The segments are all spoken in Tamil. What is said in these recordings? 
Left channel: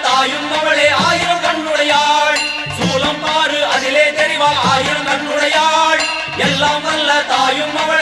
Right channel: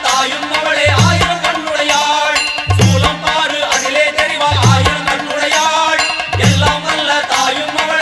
தாயும் மகளே ஆயிரம் கண்ணுடையாள். சூலம் பாரு அதிலே தெரிவா ஆயிரம் கண்ணுடையாள். எல்லாம் வல்ல தாயும் மகளே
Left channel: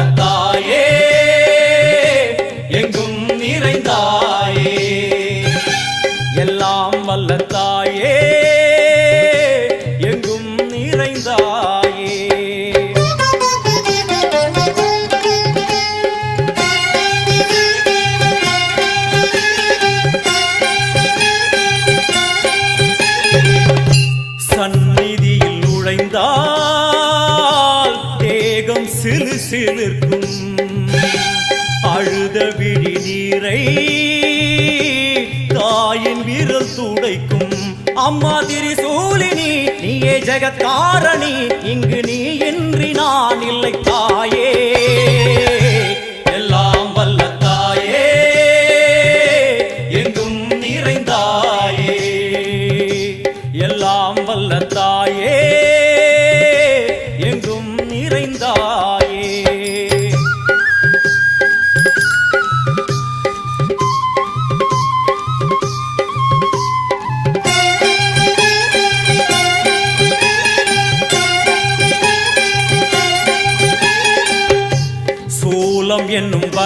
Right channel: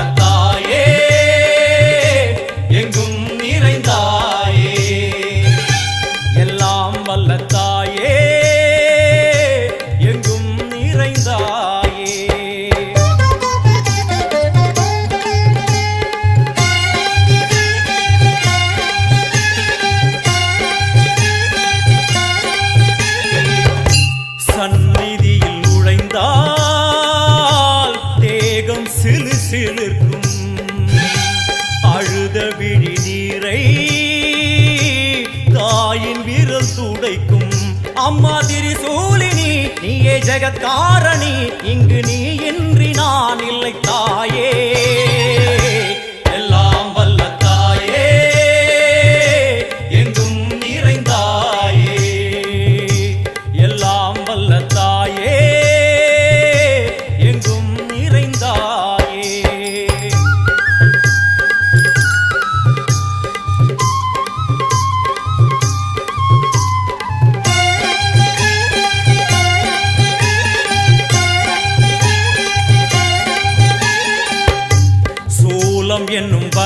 சிலிர்க்கும். அழுத விழி நீரை தாயின் விரல் துடைக்கும். அம்மா திரிசூலினி நீயே ஜெகத்காரணி இங்கு நீ இன்றி நான் இல்லை தாயே.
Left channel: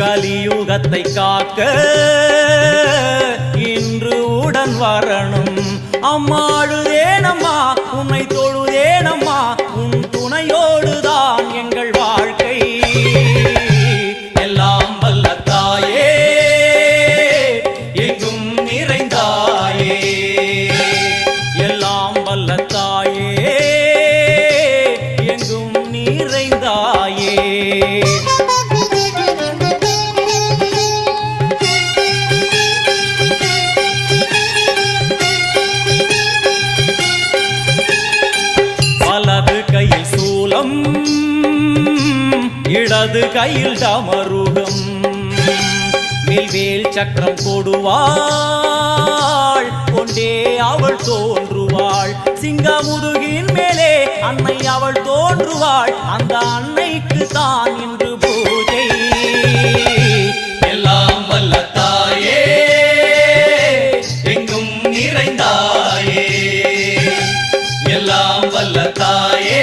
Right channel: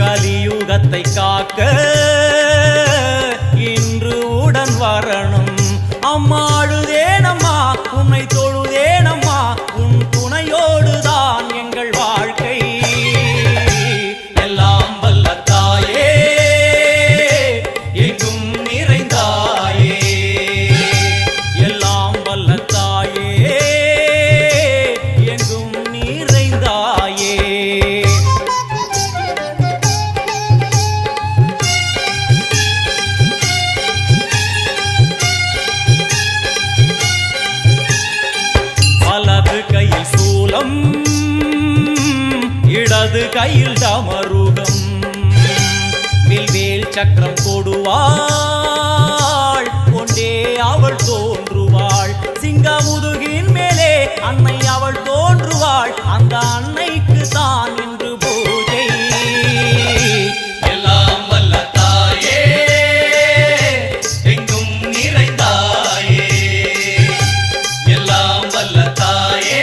கலியுகத்தை காக்க இன்று உடன் வரணும். அம்மாழுதேனம்மா உன்னை தொழுதேனம்மா உன் துணையோடுதான் எங்கள் வாழ்க்கை. எல்லாம் வல்ல தாயே எங்கும் நிறைந்தாயே. எல்லாம் வல்ல சூலம் இடது கையில் டமருகம் மில்வேல் சக்கரம் கொடுவாள் கொண்டே அவள் தோன்றுவாள். சிங்கமுதுகின் மேலே அன்னை அவள் தோன்றுவாள். அந்த அன்னைக்கு தான் இன்று பூஜை. எல்லாம் வல்ல தாயே எங்கும் நிறைந்தாயே. எல்லாம் வல்ல தாயே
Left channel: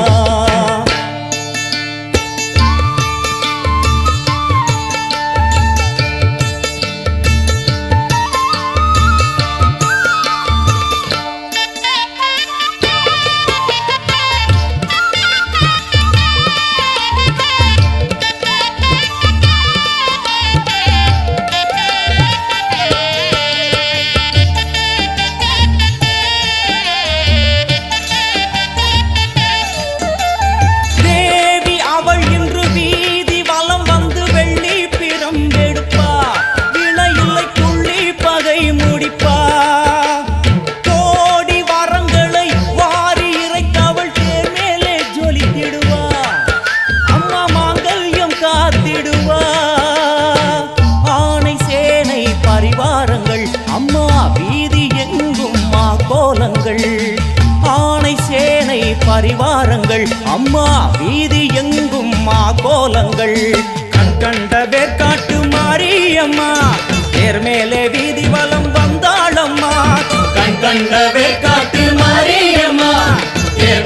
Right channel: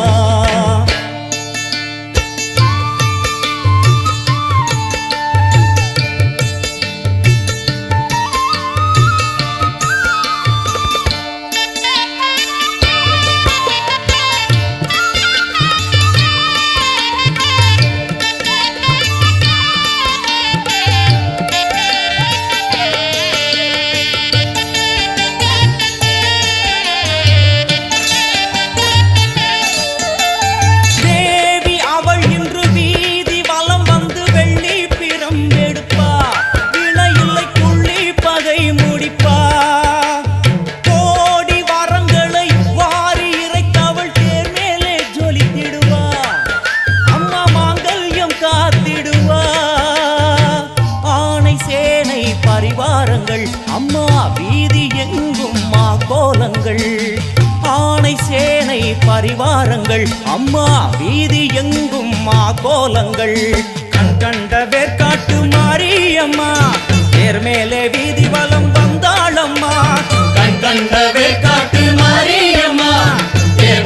கோலங்கள் ஆணை சேனை பரிவாரங்கள் அம்மா வீதி எங்கும் மா கோலங்கள் கண் கண்ட வேர்க்காட்டு மாரியம்மா தேர் மேலே வீதி வலம் வந்தாளம்மா. கண் கண்ட வேற்காட்டு மாரியம்மா தேர்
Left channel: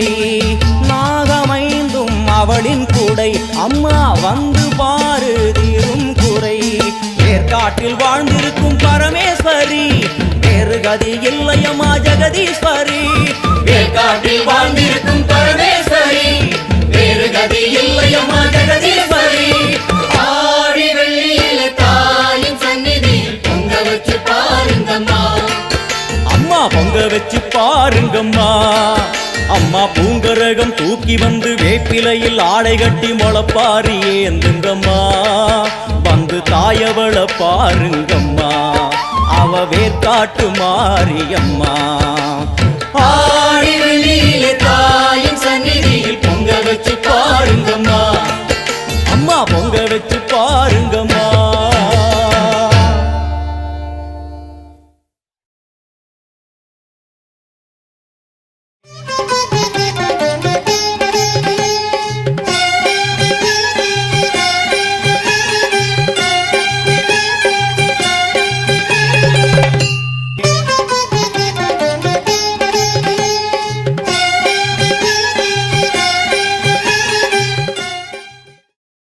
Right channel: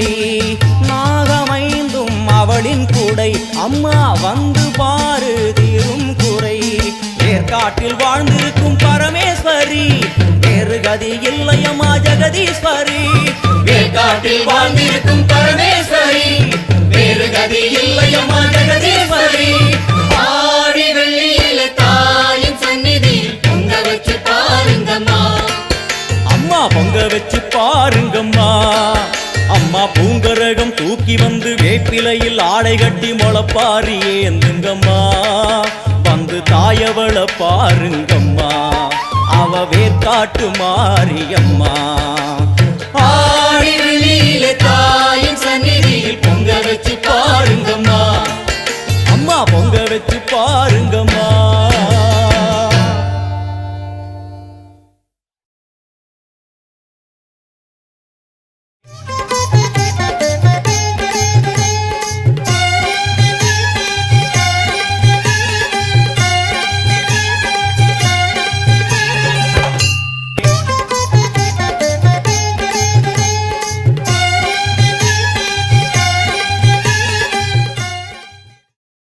குடை நாகமைந்தும் அவளின் குடை அம்மா வந்து பாரு தீரும் குறை ஏற்காட்டில் வாழ்ந்திருக்கும் பரமேஸ்வரி வேறு கதி இல்லையம்மா ஜெகதீஸ்வரி. ஏற்காட்டில் வாழ்ந்திருக்கும் பரமேஸ்வரி வேறு கதி இல்லையம்மா ஜெகதீஸ்வரி. ஆடி வெள்ளியில தாயின் சந்நிதி பொங்க வச்சு பாருங்கம்மா. அம்மா பொங்க வச்சு பாருங்கம்மா. அம்மா பூங்கரகம் தூக்கி வந்து வேப்பிலையில் ஆடை கட்டி முளப்பாரி ஏந்துங்கம்மா வந்து தாயவள பாருங்கம்மா. அவ வேர்க்காட்டு மாரியம்மா. ஆடி வெள்ளியில தாயின் சந்நிதியில் பொங்க வச்சு பாருங்கம்மா. அம்மா பொங்க வச்சு பாருங்கம்மா.